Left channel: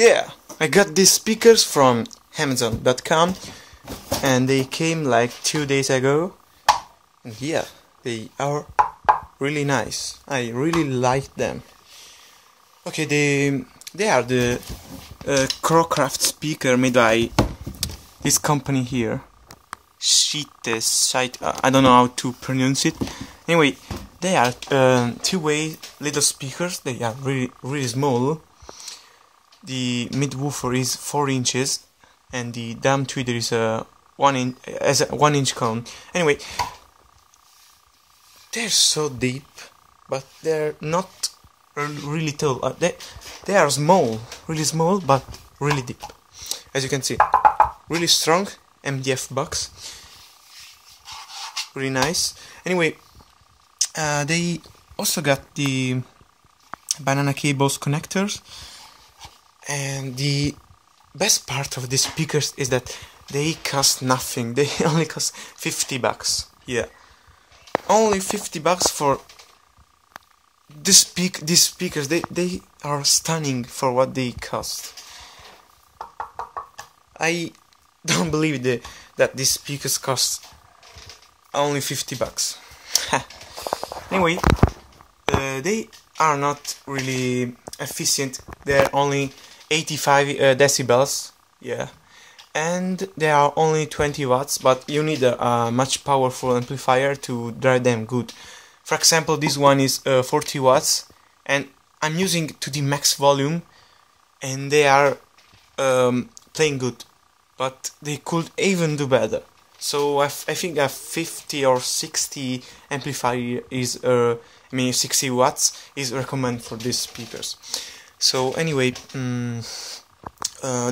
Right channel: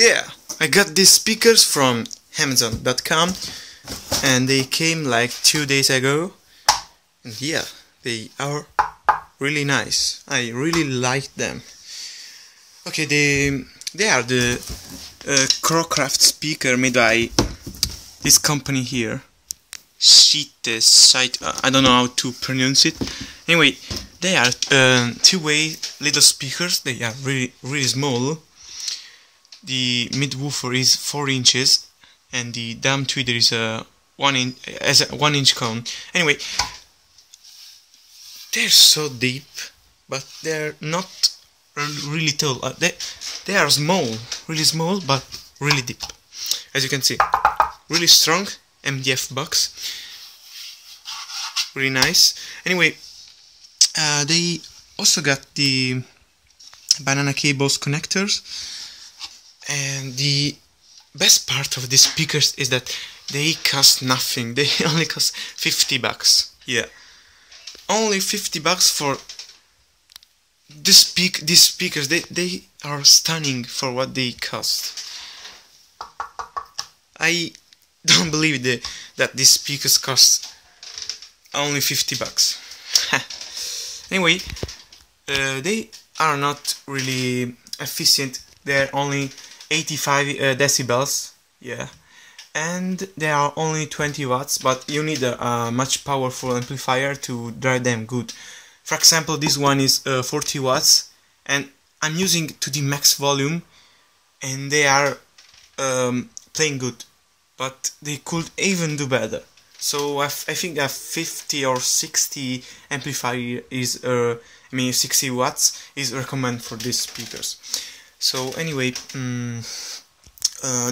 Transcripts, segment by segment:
Yeah, I got these speakers from Amazon.com and they came like 2 days ago, and yeah, they are really nice. I really like them. Okay, they are the Crowcraft speaker made by this company here, Scythe. I don't know how to pronounce it. Anyway, they are two-way little speakers. They are really small. The mid woofer is 4 inches, and the dam tweeter is a 1 inch cone. Anyway, they're so deep, but they're not really tall. They are small, really small, but really deep. As you can see, really strong MDF box, really nice. Anyway, they also got the banana cables connectors, and the best part of these speakers is that they cost nothing. They only cost 50 bucks. Yeah, only 50 bucks for these speakers. They are stunning for what they cost. I don't believe that these speakers cost only 50 bucks. Anyway, they are not really efficient. They're only 85 decibels, yeah, and they are only 20 watts, but you need a much powerful amplifier to drive them good. For example, this one is 40 watts, and I'm using to the max volume, and they are playing good, but they could even do better. So I think a 50 or 60 amplifier is, 60 watts is recommended for these speakers. So anyway,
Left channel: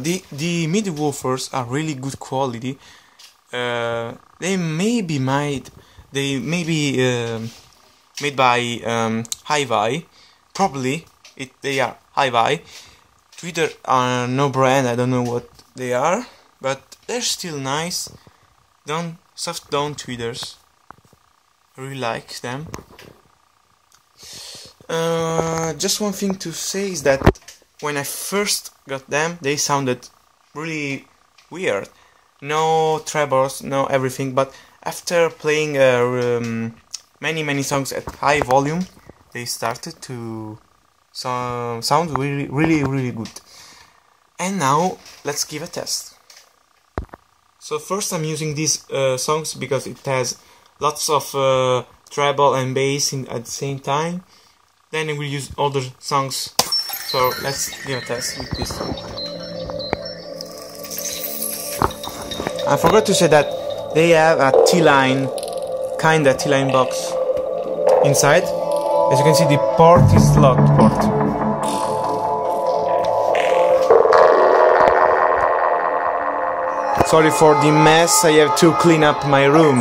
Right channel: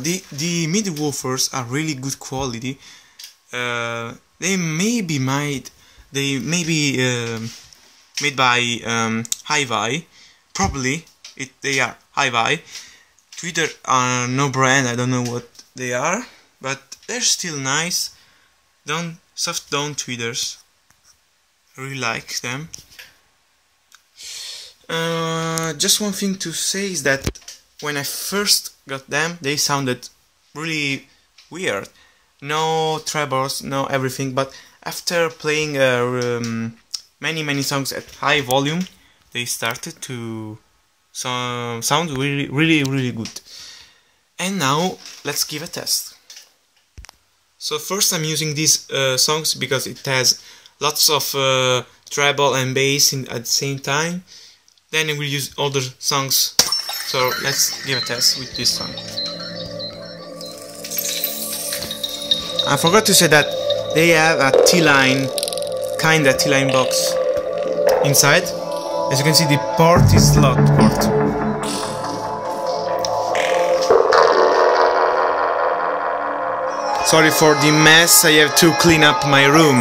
the mid woofers are really good quality. They may be made by Hi-Fi. Probably they are Hi-Fi. Tweeter are no brand. I don't know what they are, but they're still nice. Soft down tweeters. I really like them. Just one thing to say is that when I first got them, they sounded really weird. No trebles, no everything. But after playing many songs at high volume, they started to sound really good. And now let's give a test. So first I'm using these songs because it has lots of treble and bass at the same time. Then we will use other songs. So let's give a test with this song. I forgot to say that they have a T-line, kinda T-line box inside. As you can see, the port is slot port. Sorry for the mess, I have to clean up my room.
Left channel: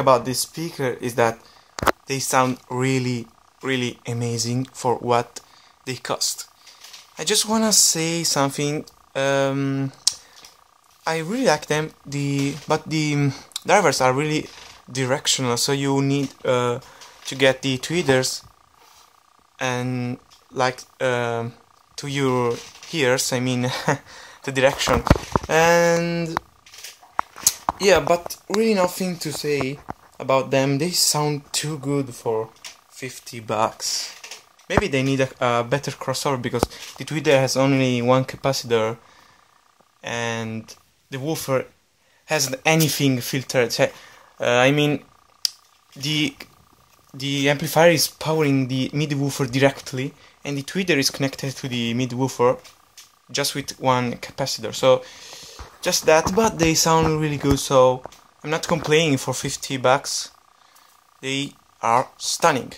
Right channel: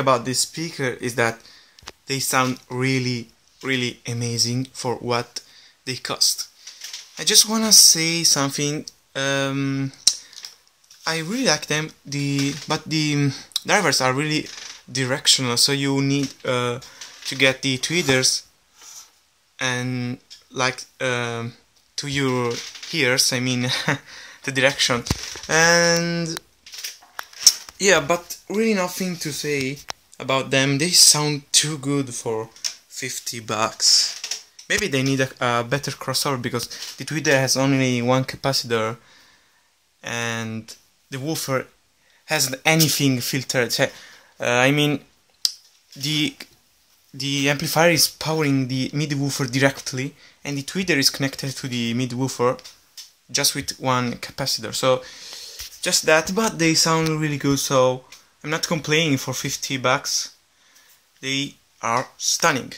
about this speaker is that they sound really amazing for what they cost. I just wanna say something. I really like them, but the drivers are really directional, so you need to get the tweeters and like to your ears, I mean the direction. And yeah, but really nothing to say about them. They sound too good for 50 bucks. Maybe they need a better crossover, because the tweeter has only one capacitor and the woofer hasn't anything filtered. I mean, the amplifier is powering the mid woofer directly, and the tweeter is connected to the mid woofer just with one capacitor. So just that, but they sound really good, so I'm not complaining for 50 bucks. They are stunning.